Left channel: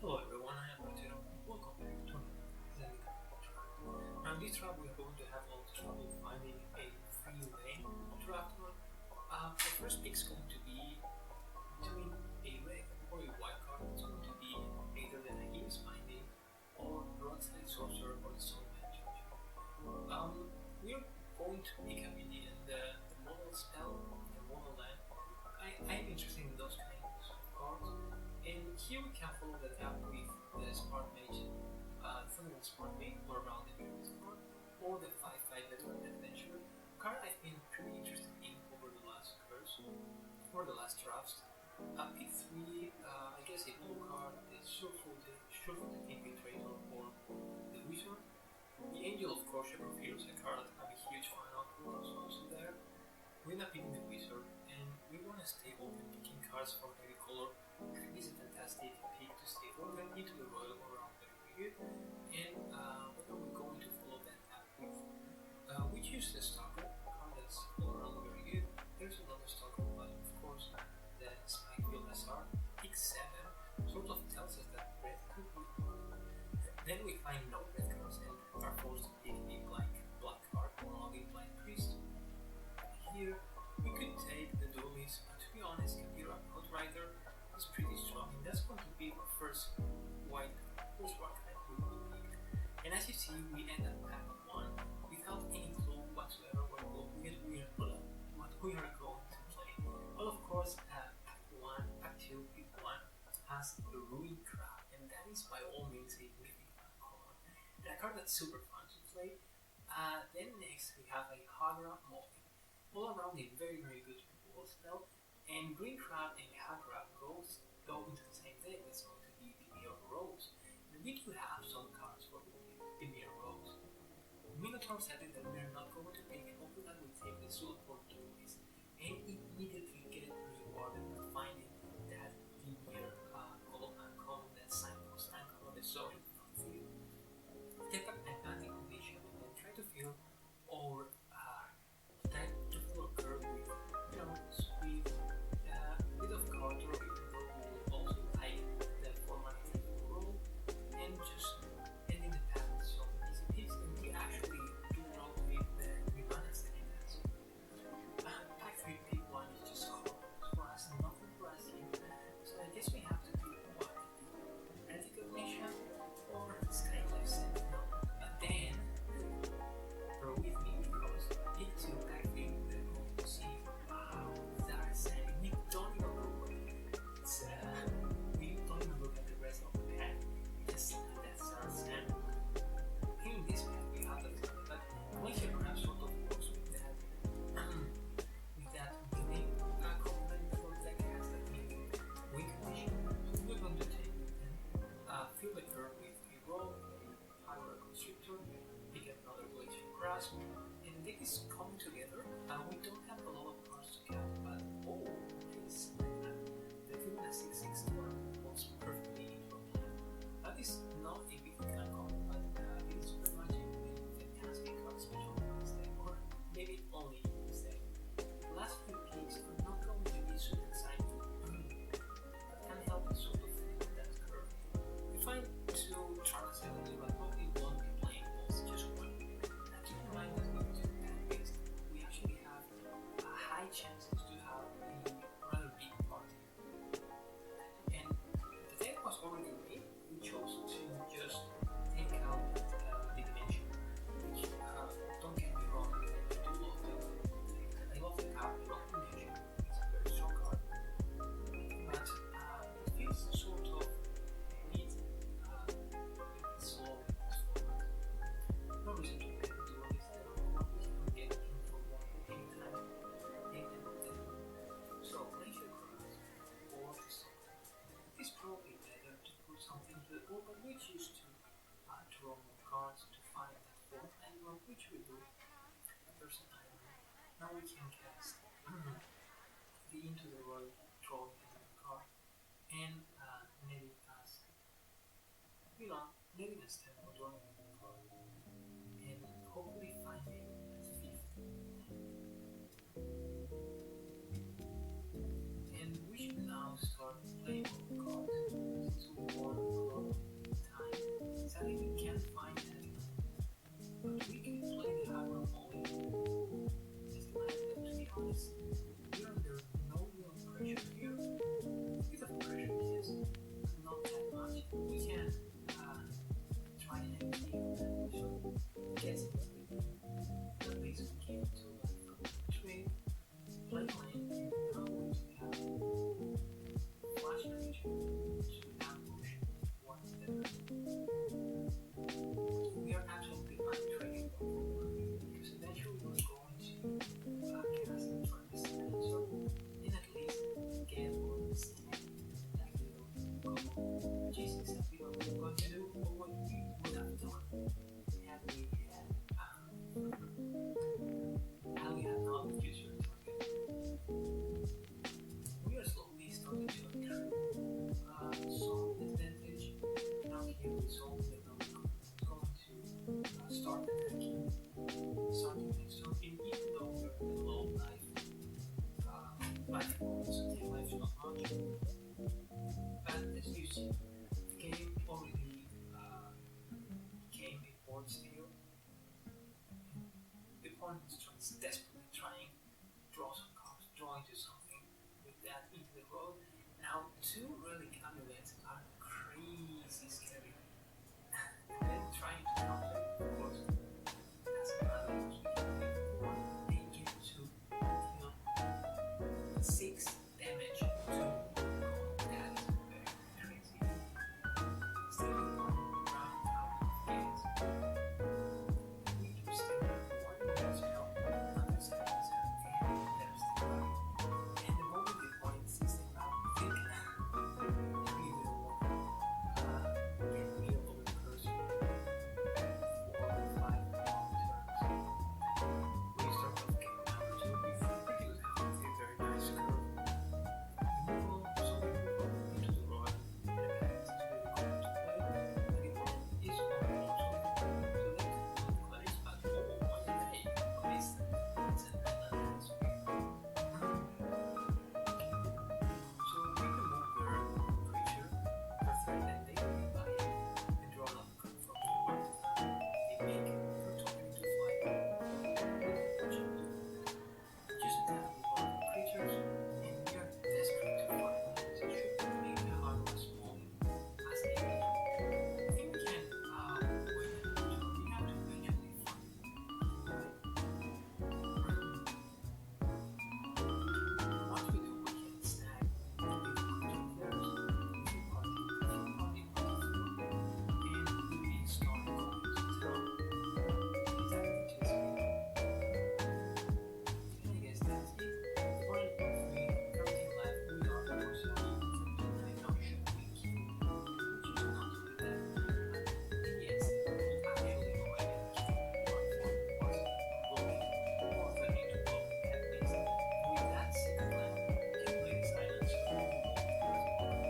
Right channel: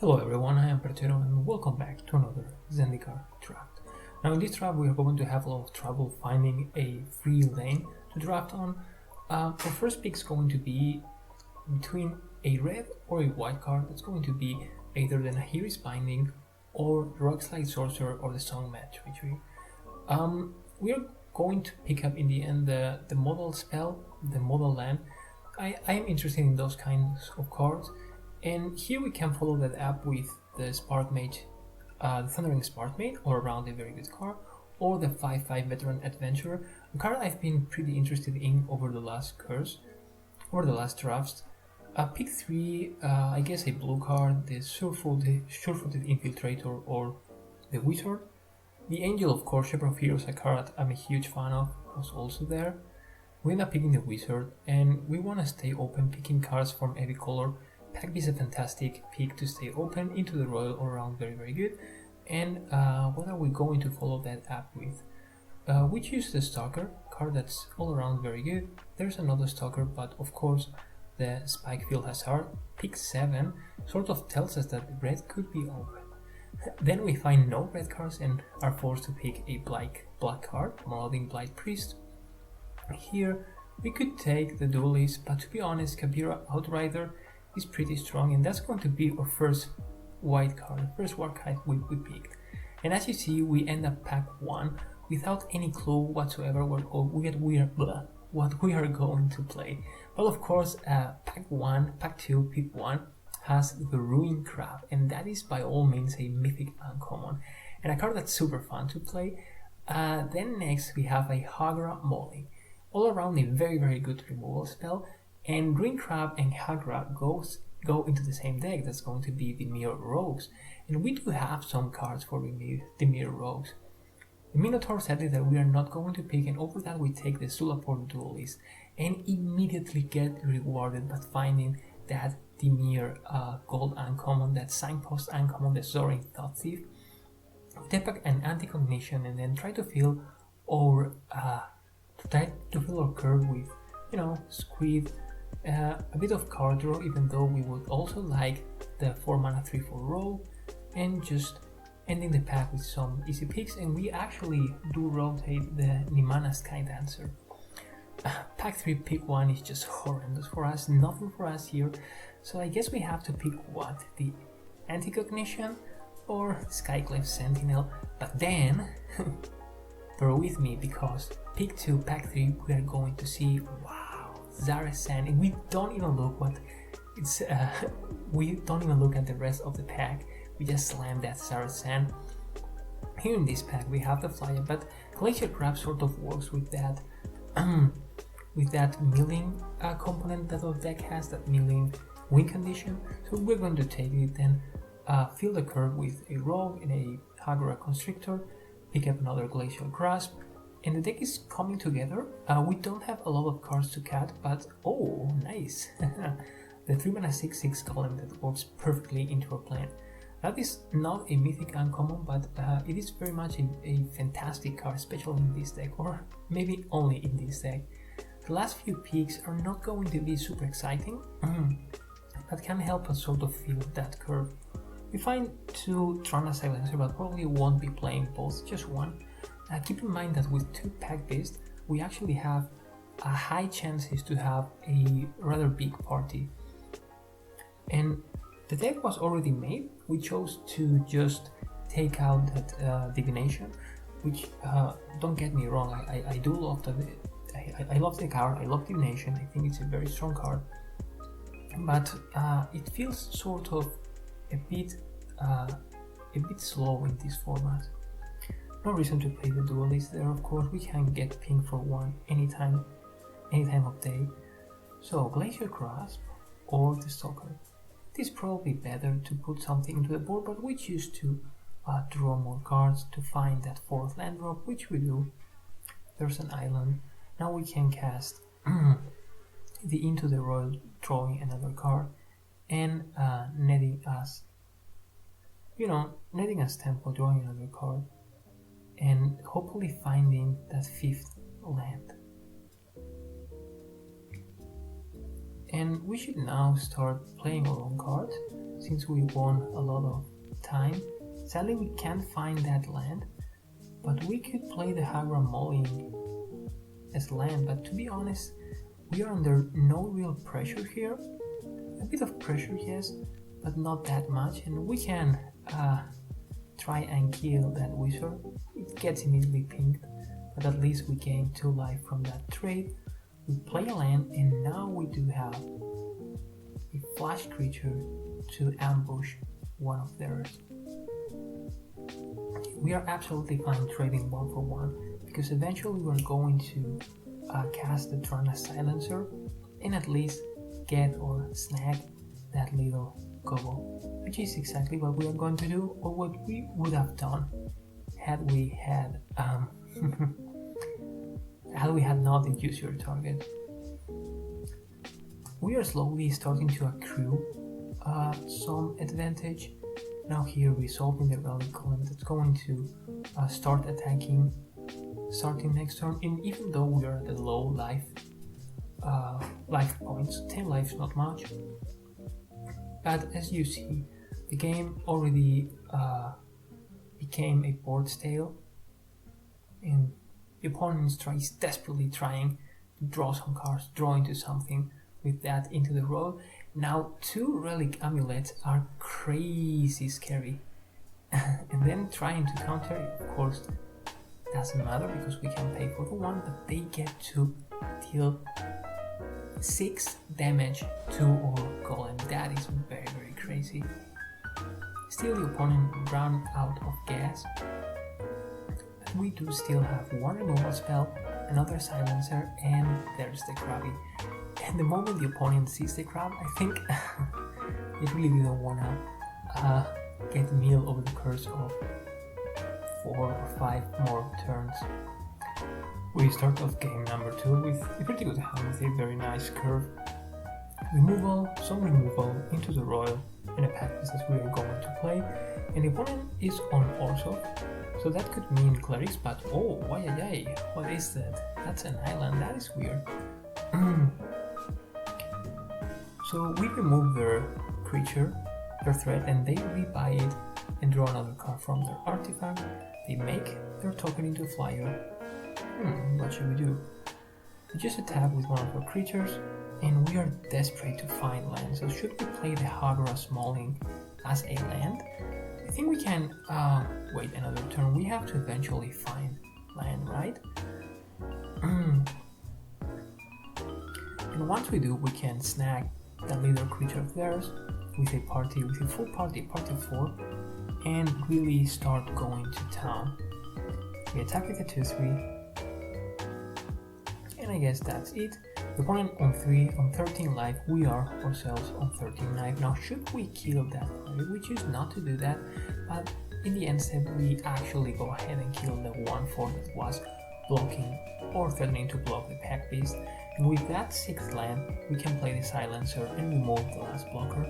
Hello everyone, I am Perchero and welcome back to another Zendikar draft. Now in this draft we are going to have a lot of trouble finding a free lane to draft on. Our first pick is going to be between a red or a white card. It's going to be either the Nahiri's Binding or the Rockslide Sorcerer or the Song Match Victory. We are going to pick up in the end the model spell, the model land. I am interested in those kinds of cards. And here we can follow that up with the Spark Mage, the Thundering Spark Mage, all around a very good card, or the 5/5 Veteran Adventurer, a card I've been pretty interested in over the last drafts. Pick 3, I guess a blue card, the Surefooted Infiltrator or the Wizard. The Angel, of course, Shepherd of Heroes, a card I'm a huge fan of, was also there. We end up picking the Wizard, and we want to stay open, picking cards from every color. Pack B is a fantastic pick to stay open, into the Royal all around very good. And what are we going to follow that up with? We choose the Stalker, card that's all around very good. There's another Stalker, but of course the Spikefield Hazard, pick 7, sort of tells us that red could be open. Then we find no red cards and are forced to pick a black card, Marauding Blight Priest. Here we could take the Duelist, but to be honest, Kabira Outrider is pretty strong, and that's going to be our first white card, the first white card we picked. And as you see, we end up pack 1 without any clue whatsoever what we are going to play. Well, of course, pack 2, pick 1 has the Ruin Crab, and that is by all means a mythic uncommon, and a card that's super fun to play. Then next we have a Hagra Molly, all around a very good removal spell. And Ruin Crab and Hagra go into the same deck. That's going to be dimir Rogues. And we do have some cards for dimir Rogues. The Minotaur said that we are not going to pick, and over that we take the Sulaport Duelist and immediately get rewarded by finding that dimir gold uncommon, that Signpost uncommon, the Soaring Thought Thief. Take back an Anti-Cognition and then try to fill our curve with, Squid, a bit of card draw, even though we would also like the 4 mana 3/4 roll, and just ending the pack with some easy picks. And we actually do rotate the Nimana Sky Dancer. Pack 3, pick 1 is just horrendous for us, nothing for us here. So I guess we have to pick what? The Anti-Cognition or Skyclave Sentinel. But then, bear with me, because pick 2, pack 3, we are going to see, Zarasan, and we don't even look at the rest of the pack. We just slam that Zarasan. Here in this pack we have the Flyer, but Glacier Crab sort of works with that milling component that our deck has, that milling win condition. So we're going to take it, then fill the curve with a Rogue and a Hagra Constrictor, pick up another Glacial Grasp, and the deck is coming together. We don't have a lot of cards to cut, but oh, nice! The 3 mana 6/6 Golem that works perfectly into our plan. That is not a mythic uncommon, but it is very much a fantastic card, especially in this deck, or maybe only in this deck. The last few picks are not going to be super exciting, but can help us sort of fill that curve. We find 2 Trana Silencer, but probably won't be playing both, just one. Keep in mind that with 2 pack based, we actually have high chances to have a rather big party. And the deck was already made. We chose to just take out that Divination, which, don't get me wrong, I do love I love the card, I love Divination, I think it's a very strong card. But it feels sort of a bit slow in this format. No reason to play the Duelist there, of course. We can get pinged for 1 anytime of day. So Glacier Grasp or the Stalker. It is probably better to put something into the board, but we choose to draw more cards to find that 4th land drop, which we do. There's an island. Now we can cast the Into the Royal, drawing another card, and netting us tempo, drawing another card, and hopefully finding that 5th land. And we should now start playing our own cards, since we won a lot of time. Sadly, we can't find that land, but we could play the Hagra Mulling as land. But to be honest, we are under no real pressure here. A bit of pressure, yes, but not that much. And we can try and kill that wizard. It gets immediately pinged, but at least we gain 2 life from that trade. We play a land, and now we do have a flash creature to ambush one of theirs. We are absolutely fine trading 1 for 1, because eventually we're going to cast the Trana Silencer and at least get or snag that little gobble, which is exactly what we are going to do, or what we would have done had we had had we had not induced your target. We are slowly starting to accrue some advantage. Now here resolving the Relic Column that's going to start attacking starting next turn, and even though we are at the low life points, 10 life is not much, but as you see, the game already became a board stale, and the opponent is desperately trying to draw some cards, draw into something with that into the roll. Now 2 relic amulets are crazy scary, and then trying to counter it, of course, doesn't matter because we can pay for the 1, but they get to deal 6 damage to our golem. That is very, very crazy. Still, the opponent ran out of gas. We do still have 1 removal spell, another silencer, and there's the Krabby. And the moment the opponent sees the crab, I think it really didn't want to get meal over the course of 4 or 5 more turns. We start off game number 2 with a pretty good hand with a very nice curve. Removal, some removal into the royal, and a pack as we are going to play. And the opponent is on also, so that could mean clerics, but oh, why, what is that? That's an island, that is weird. So we remove their creature, their threat, and they rebuy it and draw another card from their artifact. They make their token into a flyer. What should we do? We just attack with one of our creatures, and we are desperate to find land. So should we play the Hagra Smalling as a land? I think we can wait another turn. We have to eventually find land, right? And once we do, we can snag the leader creature of theirs with a full party, party 4, and really start going to town. We attack with a 2-3, and I guess that's it. The opponent on 13 life, we are ourselves on 13 life. Now should we kill that player? We choose not to do that, but in the end we actually go ahead and kill the 1/4 that was blocking or threatening to block the Pack Beast. And with that 6th land, we can play the Silencer and remove the last blocker.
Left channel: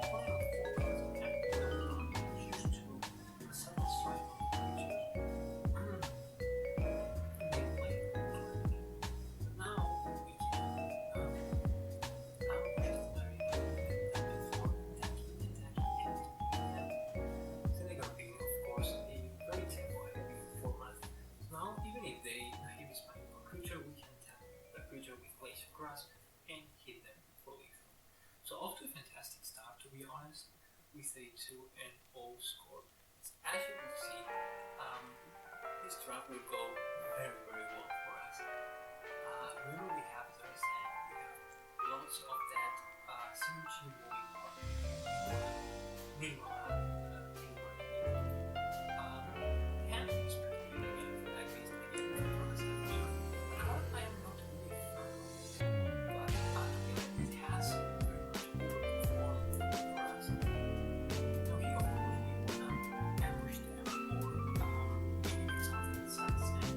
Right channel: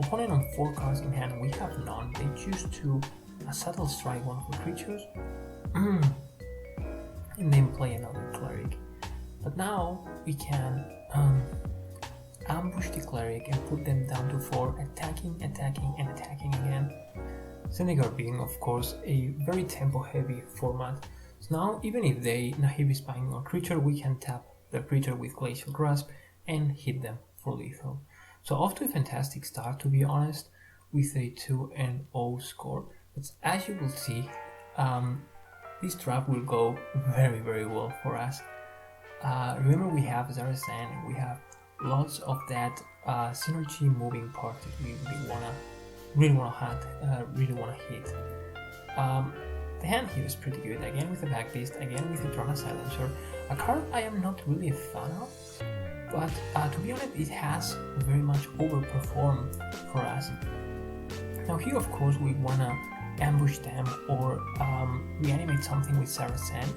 The opponent on 4 cards in hand, we have none. They choose to subtle strike one of the creatures and then play another cleric. But now we can ambush the cleric and put them down to 4, attacking again. Zendikar being, of course, a very tempo-heavy format. So now, even if they heavy spying our creature, we can tap the creature with Glacial Grasp and hit them for lethal. So off to a fantastic start, to be honest, with a 2-0 score. But as you will see, this draft will go very, very well for us. Remember, we have Zarazan, we have lots of that synergy moving part that we really wanna hit. The hand here is pretty good, again with the Pack Beast, again with the Trana Silencer, a card I am not really a fan of, but to be honest, it has very much overperformed for us. Now here, of course, we wanna ambush them or reanimate something with Zarazan,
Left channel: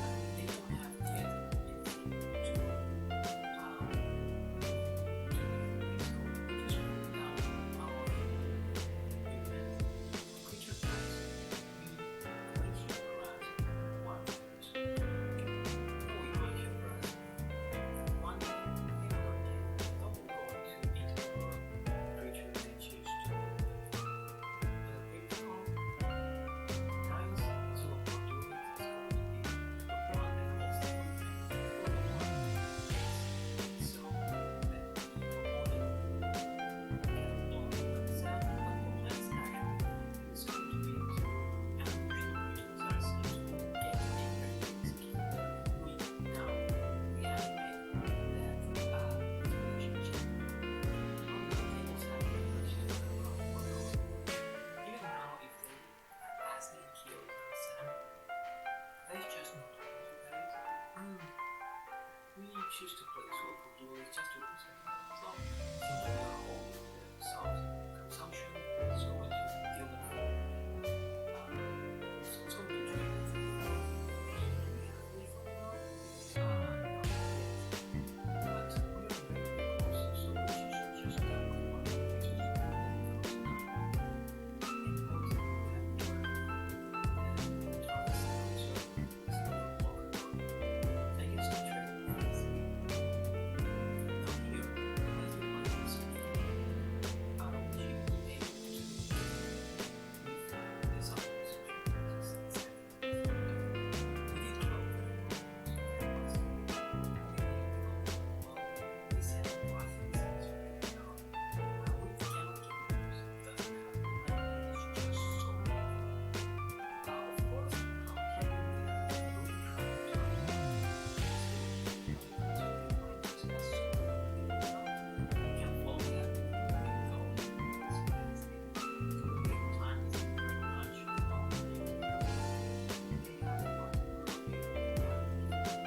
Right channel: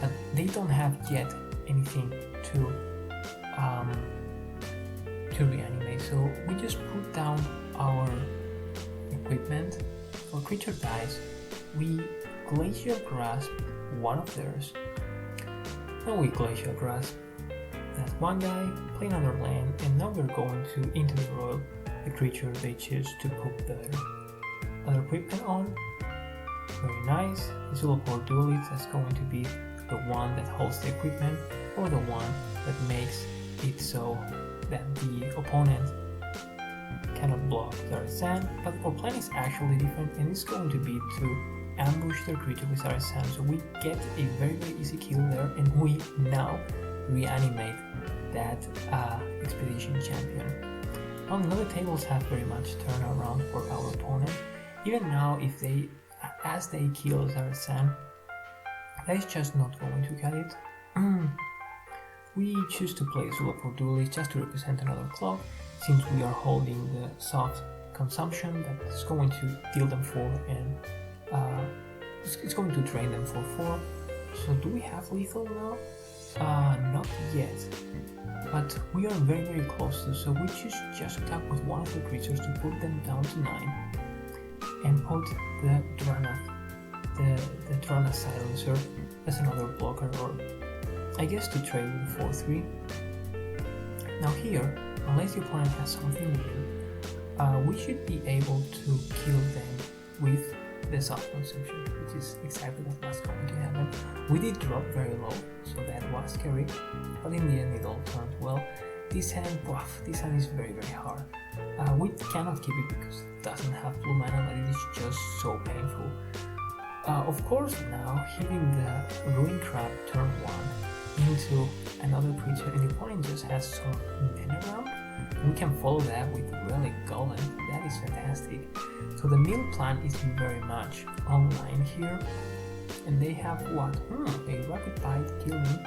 but they don't have yet anything to reanimate, so we just put down our equipment. Our creature dies, we Glacial Grasp one of theirs, then we Glacial Grasp that one guy, play another land, and And now we're going to into the royal, the creature they choose to put the other equipment on. Very nice. This little for duelist is going to be the one that holds the equipment, or the one that makes it so that the opponent cannot block their sand. But our plan is actually different, and it's going to be to ambush their creature with our sand. So we get a very easy kill there, and we now reanimate that expedition champion. Now none of the tables have very much turnaround for our opponent. Even now, if they, as they kill Zarasan, that is just not going to cut it. We choose to play Zula for Duelist just to represent another clock, since we are holding the soft consumption that is going to deal them 4 and it's going to drain them for 4. So do we have lethal now? Not yet, but we are very close to, so we choose just attack with one of the creatures to put them down to 9 and put the Drana Silencer as another blocker, or I guess to trade with 4-3. Now here, unless the opponent has something new, we should be able to kill them with the soft consumption, which is exactly what was going to happen. We did drop very low, so that was scary, but in the end it all turned well. This hand is very hard. We cannot keep it because it doesn't have blue mana, but it is just so painful. Of course, now hitting the Ruin Crab turn 1 into another creature, and the opponent just has some mana ramp, we can follow that with Relic Golem. That is fantastic. So the mill plan is very much online here, and they have what? A rapid bite killing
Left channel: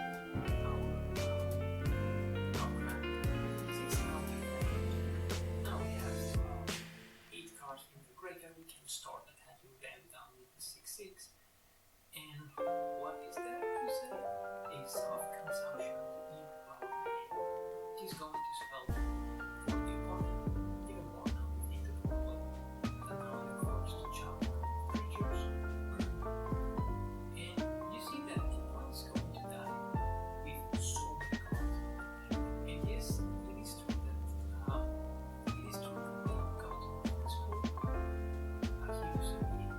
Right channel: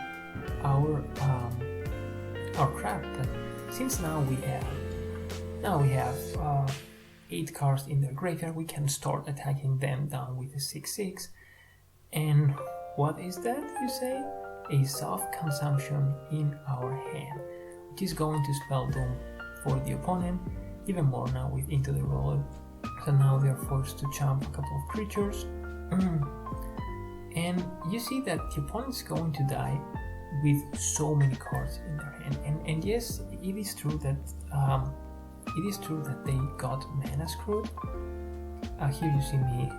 our crab. But since now we have 8 cards in their graveyard, we can start attacking them down with a 6/6. And what is that, you say? A soft consumption in our hand, which is going to spell doom for the opponent, even more now with Into the Roller. So now they are forced to jump a couple of creatures. And you see that the opponent is going to die with so many cards in their hand. And yes, it is true that they got mana screwed. Here you see me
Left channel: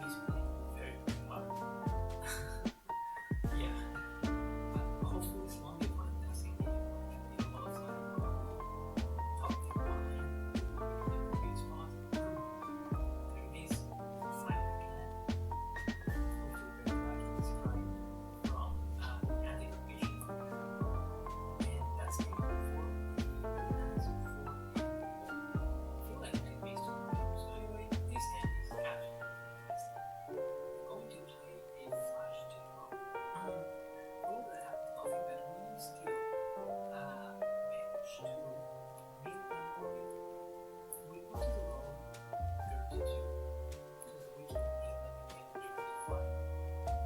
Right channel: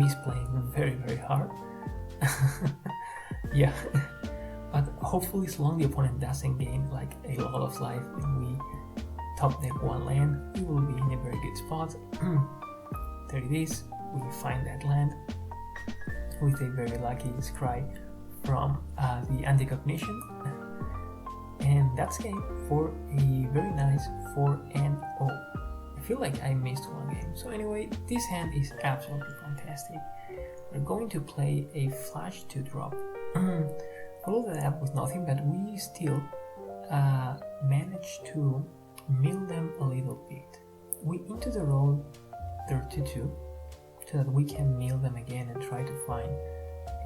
misplaying very hard. Yeah, but hopefully, as long as the opponent doesn't gain like a lot of life when we top deck 1 land, we will be in a very good spot. There it is. We find that land with a very lucky scry from the Anticognition, and that's game for a very nice 4-0. I feel like I missed 1 game. So anyway, this hand is absolutely fantastic. We're going to play a flash 2-drop. Follow that up with nothing, but we still managed to mill them a little bit. We into the roll 32 so that we can mill them again and try to find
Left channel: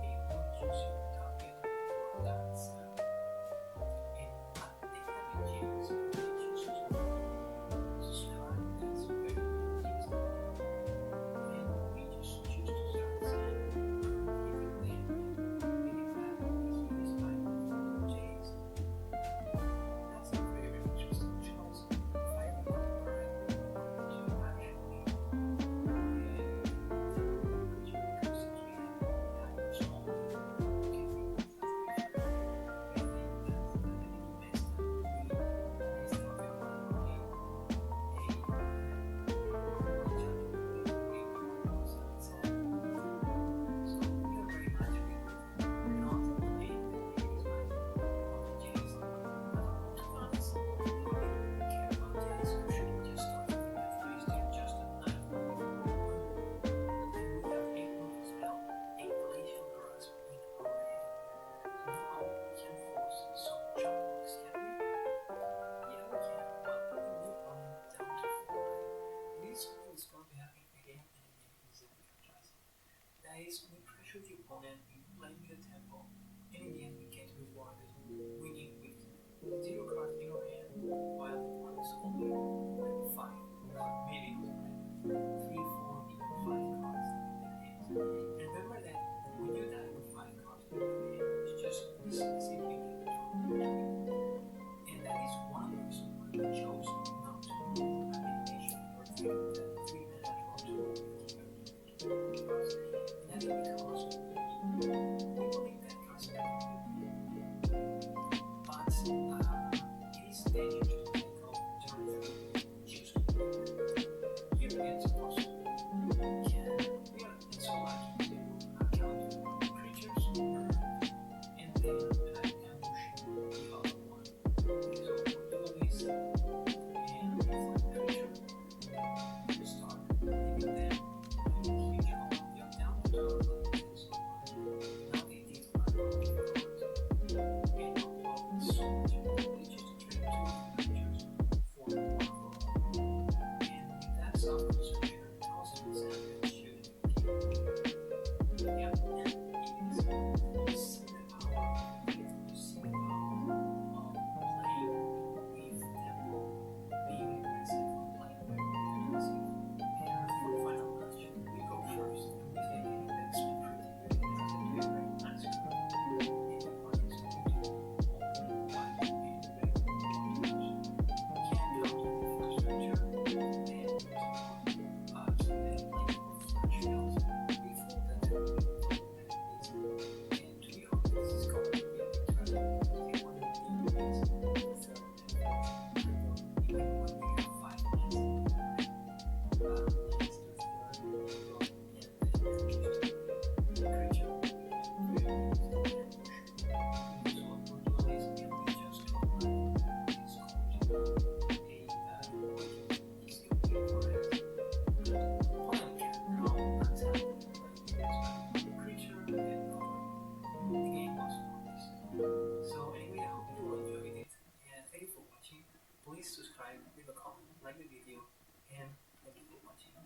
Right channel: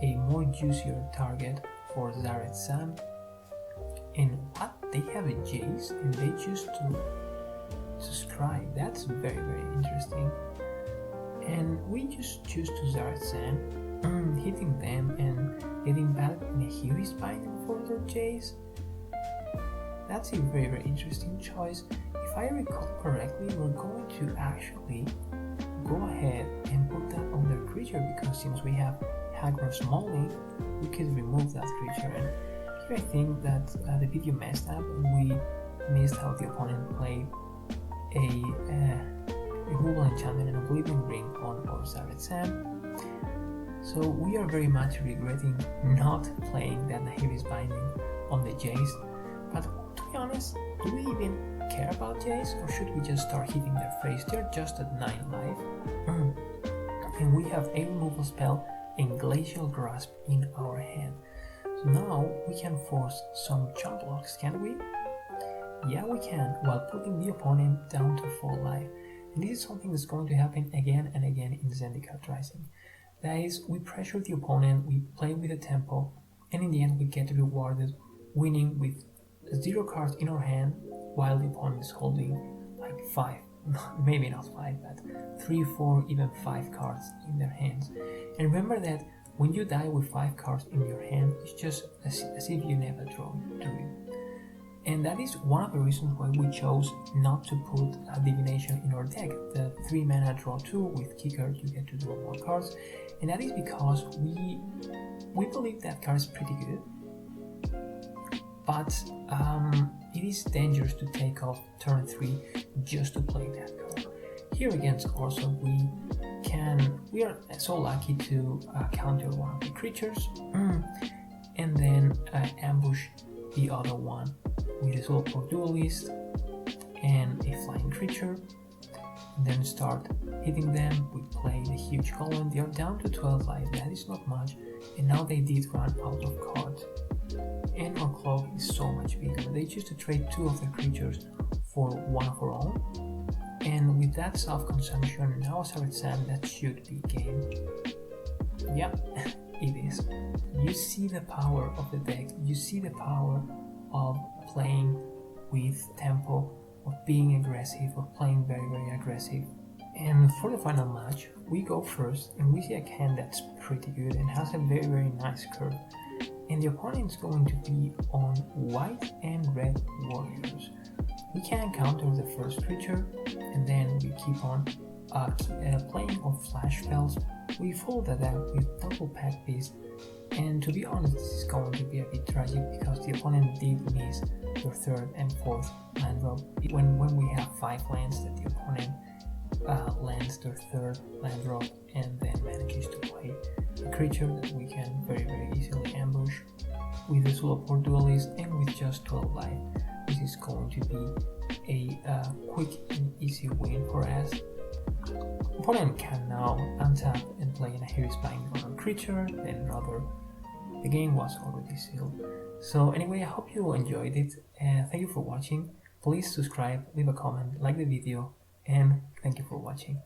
a more juicier target for Zaret Sam. And what? They have a Jace and they choose to subscribe. That's very interesting. And we just choose to Zaret Sam, hitting them and getting back in a Huey's binding for their Jace. That's a very interesting choice. If I recall correctly, we're going to actually go ahead and put that on their creature, because since we have Hagrid's Molly, we can remove that creature. And here I think that the video messed up. We missed how the opponent played a Google Enchantment and Oblivion Ring on our Zaret Sam. So we are very much regretting not playing that Nahiri's Binding on the Jace. But to be honest, do we even care about Jace, or should we just start hitting their face? They're just at 9 life. And we have a removal spell and Glacial Grasp in our hand. So now we can force some jump blocks, can we? Yeah, we can, while putting the opponent down to 4 life. And this is something that's going to happen again and again in Zendikar Rising. That is, we pressure the opponent, we play with the tempo, and in the end we get rewarded winning with 0 cards in our hand, while the opponent is holding like 5, maybe not 5, but 3, 4, even 5 cards in their hands. And remember that when you die with 5 cards in your hand, it's just as if you never draw, do you? And that is one of the reasons why we chose not to put a divination in our deck. The 3 mana draw 2 with kicker, you get to draw more cards, and that is because we believe that card is pretty good, but it is dangerous to take off turn 3 just to play that card. Here against also we are so lucky to counter one of the creatures and then ambush the other one with a Soulful Duelist and a flying creature, and then start hitting them with playing a huge column. They are down to 12 life, that is not much, and now they did run out of cards. And our clock is so much bigger. They choose to trade 2 of their creatures for 1 of our own, and with that self-consumption, now Savage Sam, that should be game. Yeah, it is. You see the power of the deck, you see the power of playing with tempo, of being aggressive, of playing very, very aggressive. And for the final match, we go first and we see a hand that's pretty good and has a very, very nice curve. And the opponent is going to be on white and red warriors. We can counter the first creature and then we keep on playing on flash spells. We follow that out with double pack beast, and to be honest, this is going to be a bit tragic because the opponent did miss their 3rd and 4th land drop. When we have 5 lands, that the opponent lands their 3rd land drop and then manages to play a creature that we can very, very easily ambush with the Soulful Duelist, and with just 12 life, this is going to be a quick and easy win for us. Opponent can now untap and play in a heavy spine on a creature, then another. The game was already sealed. So anyway, I hope you enjoyed it, and thank you for watching. Please subscribe, leave a comment, like the video, and thank you for watching.